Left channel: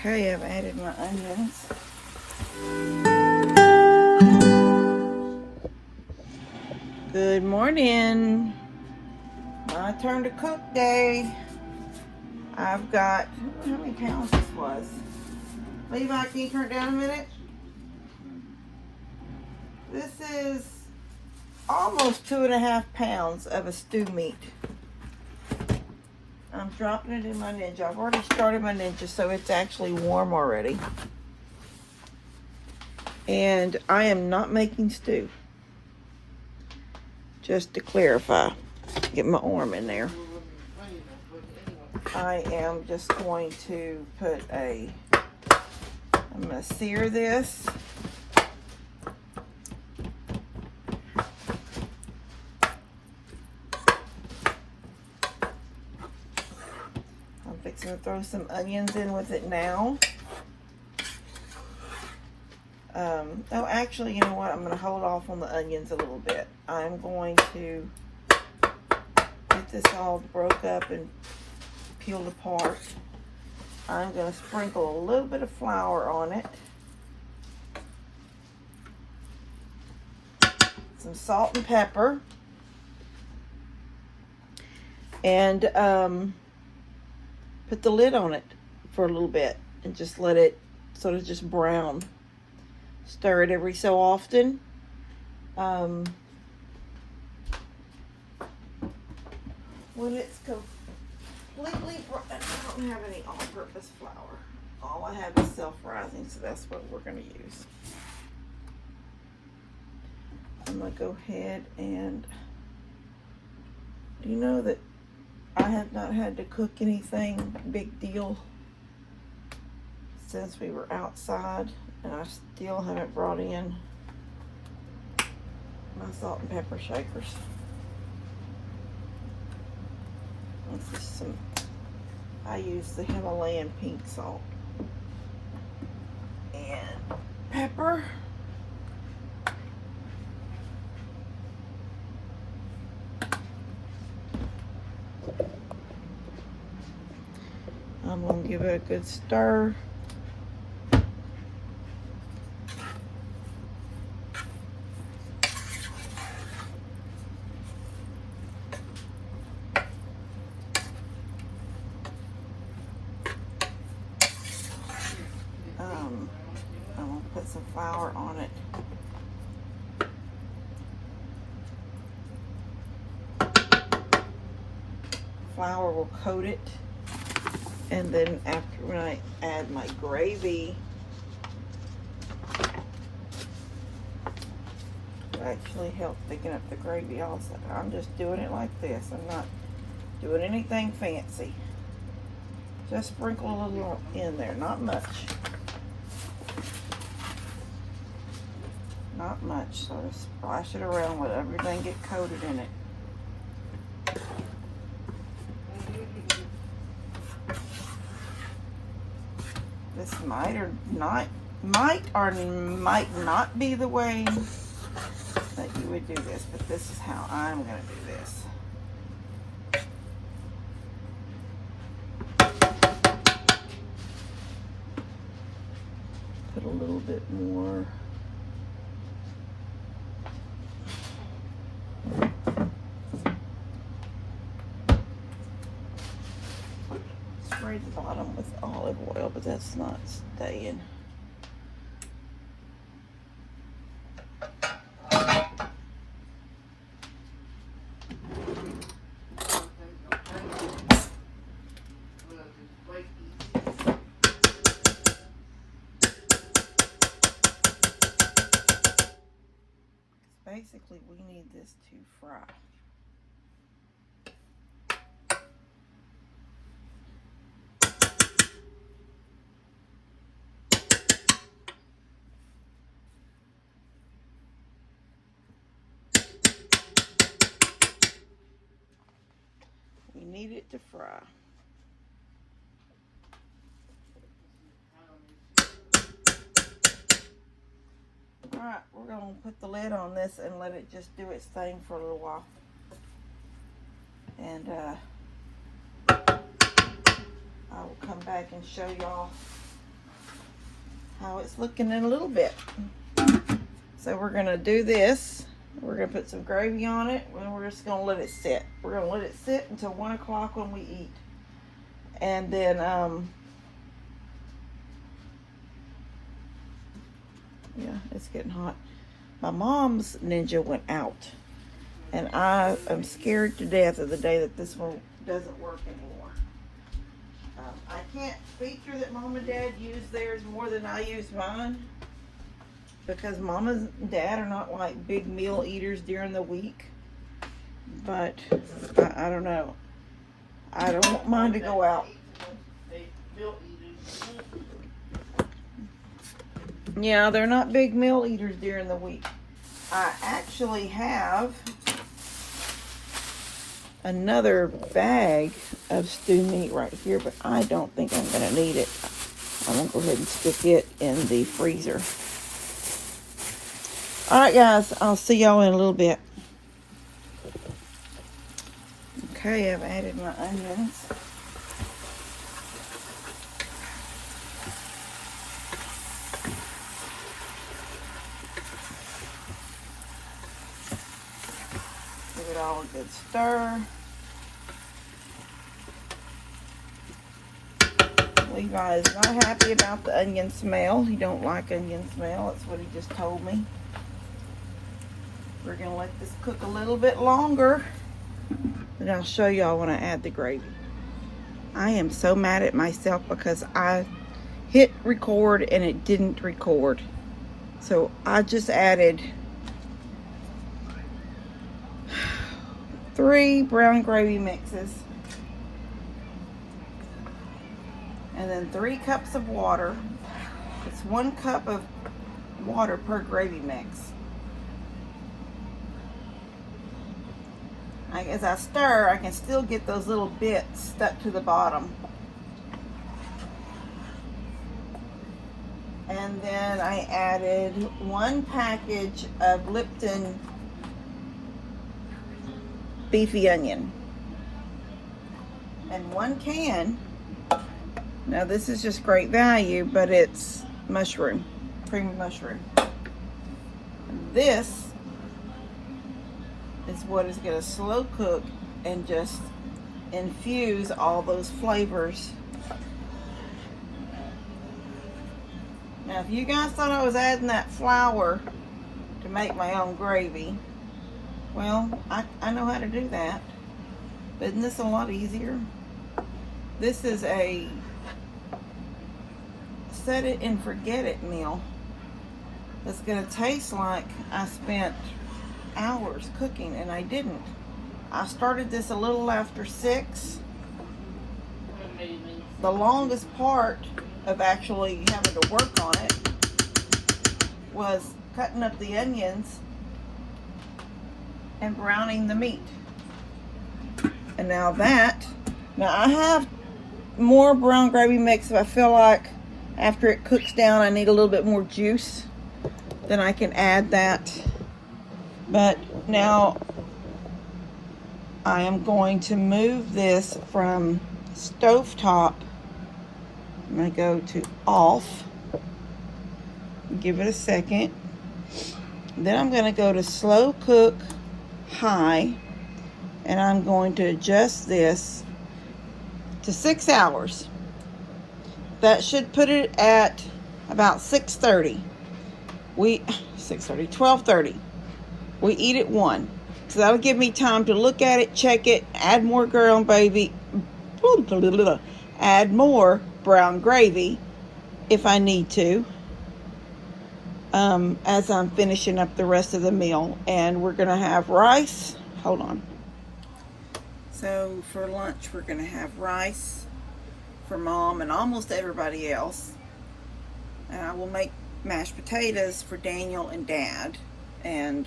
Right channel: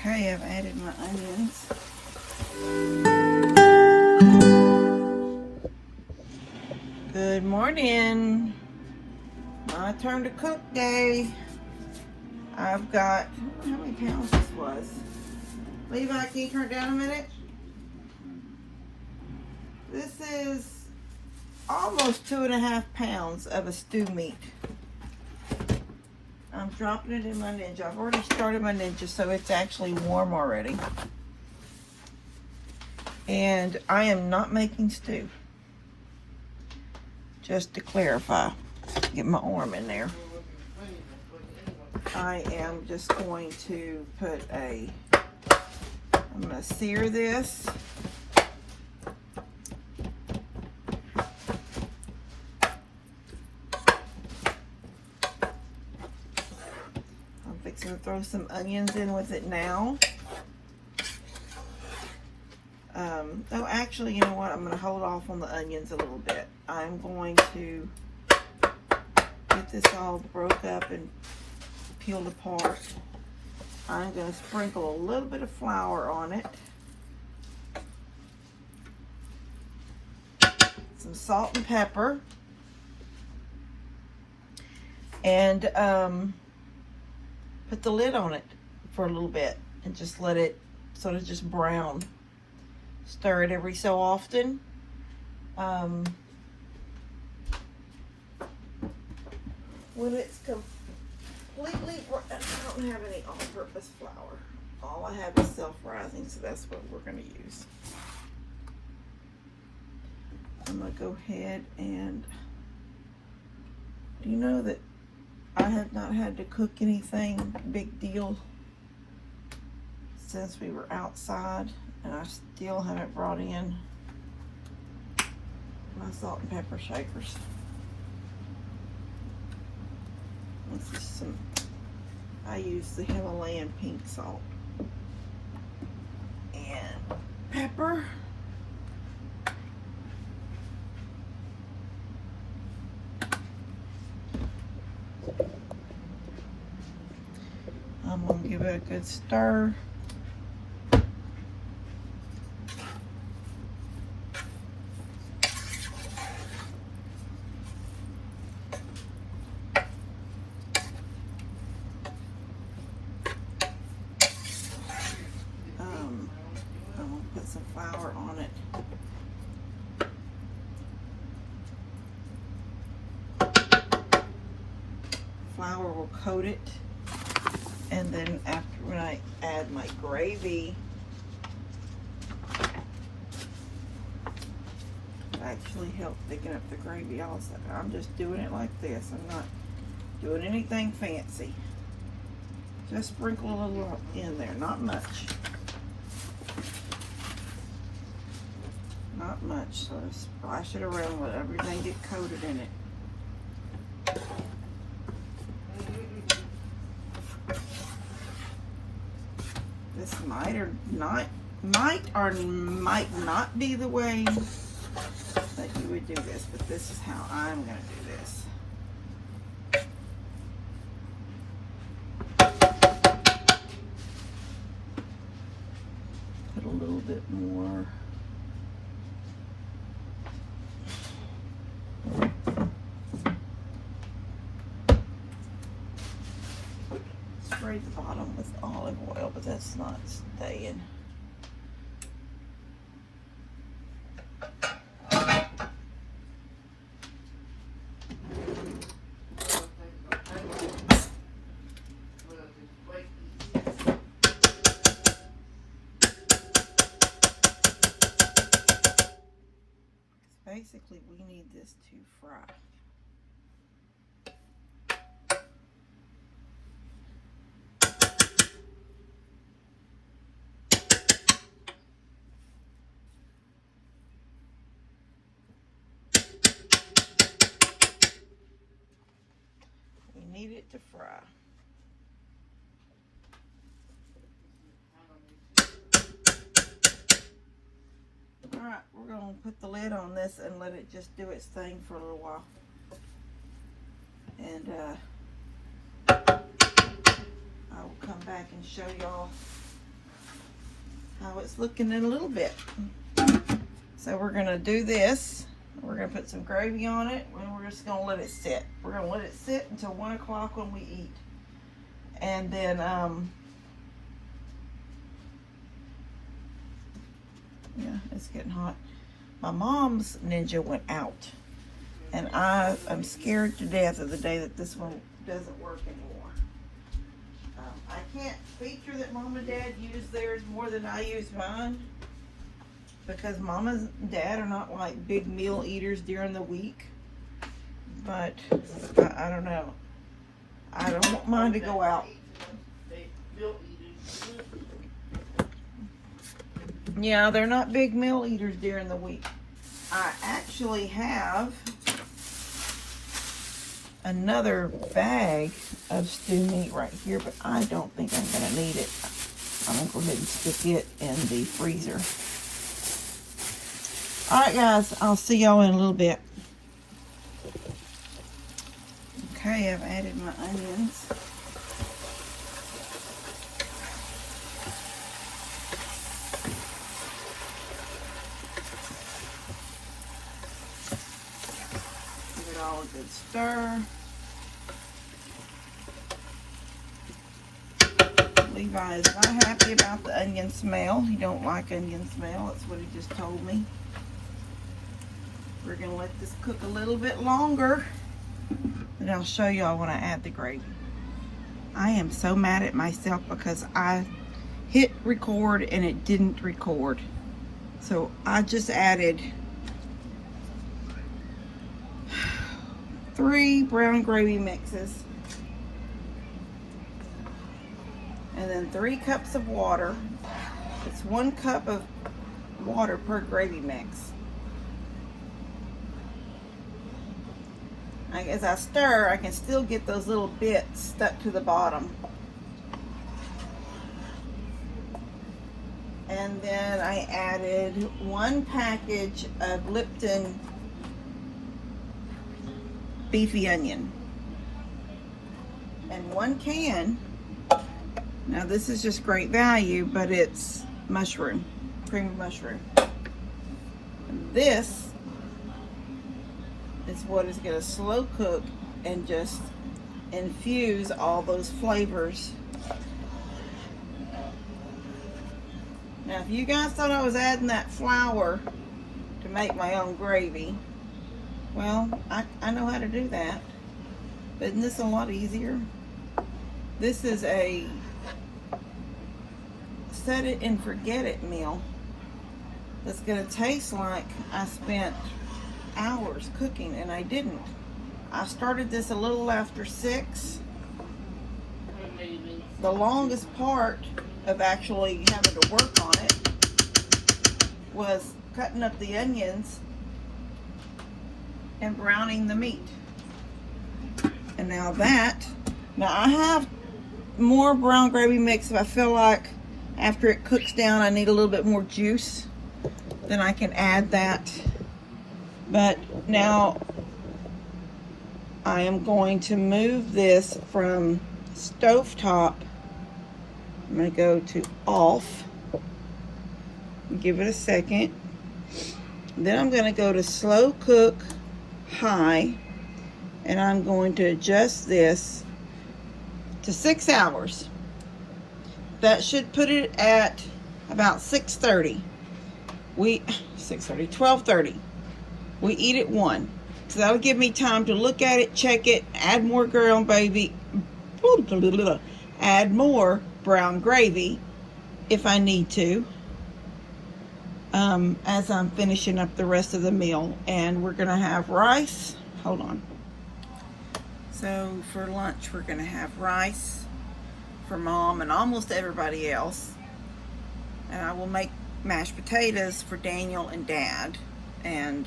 Okay, I've added my onions. Good morning. My turn to cook day. I've got, I don't know how many pounds this was. Levi, can you turn it down a minute? This is almost 2.5 pounds of a stew meat. I'm dropping it in my Ninja. I've already started my Ninja, so it's actually warm already. And I am not making stew. Just to clarify, get my arm in there. I am just going to put I'm going to sear this. I'm fixing to throw some onions in with it now. Oh, actually, you know what? I'm going to hold off on the onions a little bit. I'm going to get this all broke up and peeled apart. I'm going to sprinkle a little bit of flour on it. Some salt and pepper. And put the lid on it for a little bit and just let it sort of just brown. Stir it every so often. When it's completely, I don't have any all-purpose flour. All I have is self-rising, so that's what we're going to use. I'm going to go ahead and, do you know that I have not had to cook anything big deal since we were outside, and I still haven't brought in my salt and pepper shakers. This is some, I use the Himalayan pink salt and pepper. I'm going to give it a good stir. I'm going to put some flour on it. Flour will coat it. And then after when I add my gravy, it actually help thicken up the gravy also. I'm just doing it like this. I'm not doing anything fancy. Just sprinkle a little in there, not much. Not much, so just splash it around, let everything get coated in it. This might or might not be the way that you would do this, but this is how I'm going to do this. Put a little bit more. Spray the bottom with olive oil, but that's not staying. Basically, we need this to fry. You need it to fry. Alright, we're going to put the lid on this and let it just do its thing for a little while. And I will come back and show y'all how it's looking in a little bit. So we're gonna do this. We're gonna put some gravy on it, and we're just gonna let it sit. We're gonna let it sit until 1 o'clock when we eat. And then, yeah, it's getting hot. My mom's Ninja went out, and I am scared to death of the day that this one doesn't work anymore. I can't feature that Mom and Dad use theirs more than I use mine, because Mom and Dad are not like big meal eaters during the week. But I don't know. I don't mind to go out. Yeah, they're not big meal eaters during the week. I actually have another bag of stew meat right here, but I don't think I'm going to need it. I'm going to go ahead and stick it in the freezer. Alright guys, I'll see y'all in a little bit. Okay, I've added my onions. Give it all a good stir. Levi is not happy about the onion smell. He don't like onion smell. That's what he just told me. We're going to let this cook a little bit longer, and I'll show y'all when I add the gravy. I am so mad at myself because I hit record and it didn't record. So I just added 3 brown gravy mixes, and then 3 cups of water. It's 1 cup of water per gravy mix. As I stir, I can still get those little bits stuck to the bottom. And then I added 1 package of Lipton beefy onion. And 1 can. Now this is just great value, but it's mushroom, cream mushroom. And this is what is going to slow cook and just infuse all those flavors. Now if you guys thought I was adding that flour to make my own gravy, well, I know how to do that. But isn't this a lot easier? This is a set it and forget it meal that's going to taste like I spent hours cooking, and I didn't. I started this a little after 6. The longest part of actually having to work on it was cutting up the onions and browning the meat. And now I have more brown gravy mix if I feel like after it cooks down I need a little bit more juice, then I can add that. But now I am going to move this from stovetop. I'm going to go to off. Give it a second. Then I'm going to go to slow cook high. And I'm going to adjust this to 6 hours. That should put it at about 6:30. 12:30. We eat at 1. So that'll give me time to look at it, check it, add more brown gravy, add more brown gravy if I need to, as I'm finishing up the rest of the meal. And we're gonna have rice. Hold on. So for lunch, we're gonna have rice for Mom and almost everybody else. And I will make mashed potatoes for Daniel and Dad. And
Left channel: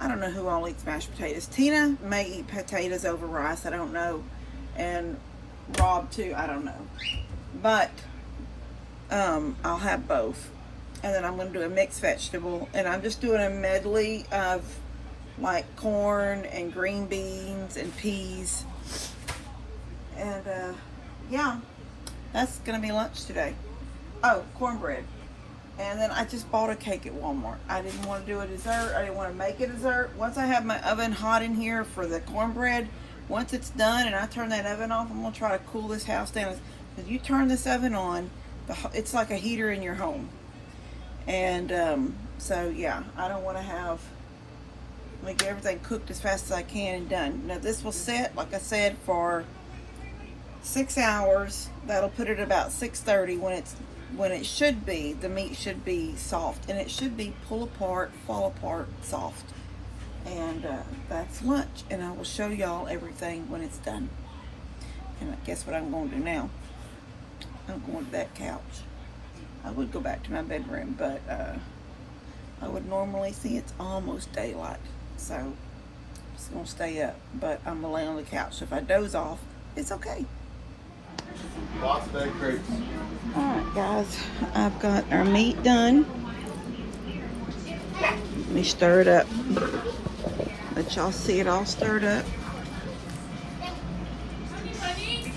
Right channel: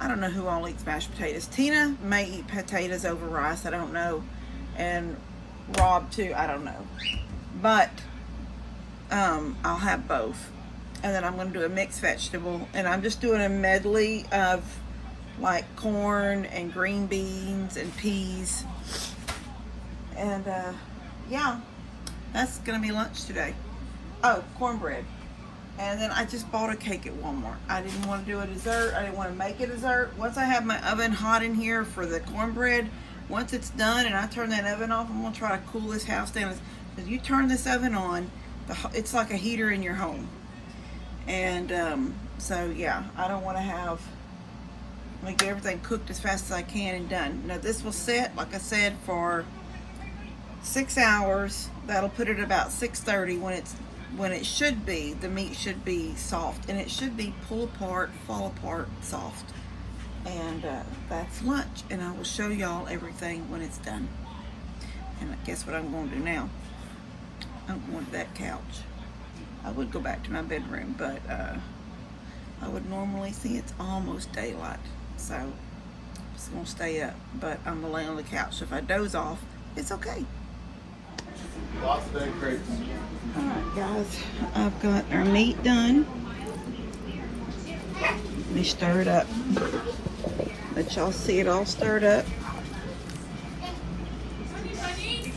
I don't know who all eats mashed potatoes. Tina may eat potatoes over rice, I don't know. And Rob too, I don't know. But I'll have both. And then I'm gonna do a mixed vegetable. And I'm just doing a medley of like corn and green beans and peas. And yeah, that's gonna be lunch today. Oh, cornbread. And then I just bought a cake at Walmart. I didn't want to do a dessert. I didn't want to make a dessert. Once I have my oven hot in here for the cornbread, once it's done and I turn that oven off, I'm going to try to cool this house down. Because you turn this oven on, it's like a heater in your home. And so, yeah, I don't want to have, get everything cooked as fast as I can and done. Now, this will set, like I said, for 6 hours. That'll put it about 6:30 when it should be, the meat should be soft, and it should be pull apart, fall apart, soft. And that's lunch, and I will show y'all everything when it's done. And guess what I'm going to do now? I'm going to that couch. I would go back to my bedroom, but I would normally see it's almost daylight, so I'm just going to stay up, but I'm going to lay on the couch. So if I doze off, it's okay. Alright guys, I've got our meat done. Let me stir it up. Let y'all see it all stirred up.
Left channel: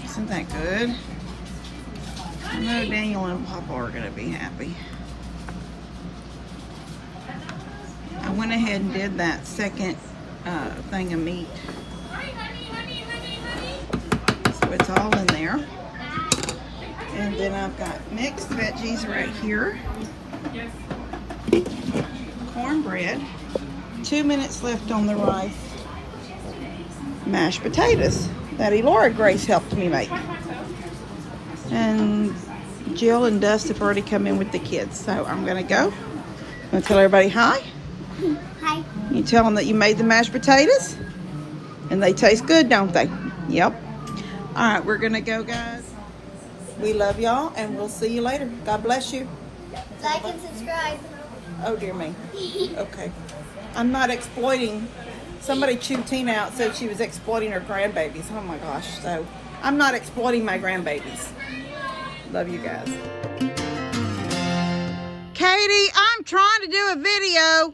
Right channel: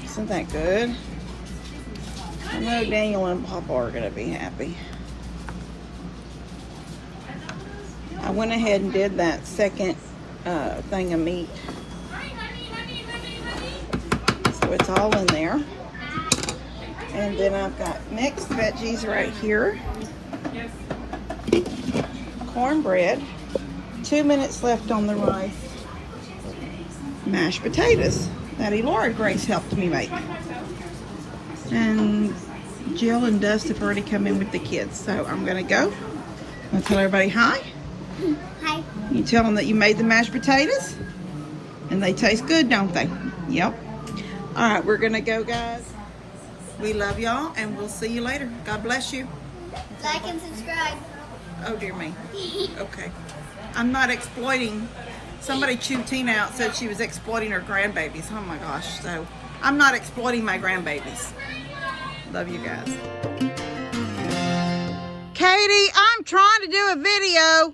Isn't that good? I know Daniel and Papa are going to be happy. I went ahead and did that second thing of meat. So it's all in there. And then I've got mixed veggies right here. Cornbread. 2 minutes left on the rice. Mashed potatoes that Elora Grace helped me make. And Jill and Dust have already come in with the kids. So I'm going to go and tell everybody hi. Hi. You tell them that you made the mashed potatoes. And they taste good, don't they? Yep. All right, we're going to go, guys. We love y'all, and we'll see you later. God bless you. Like and subscribe. Oh, dear me. Okay. I'm not exploiting. Somebody chewed Tina out, said she was exploiting her grandbabies. Oh, my gosh. So, I'm not exploiting my grandbabies. Love you guys. Katie, I'm trying to do a video.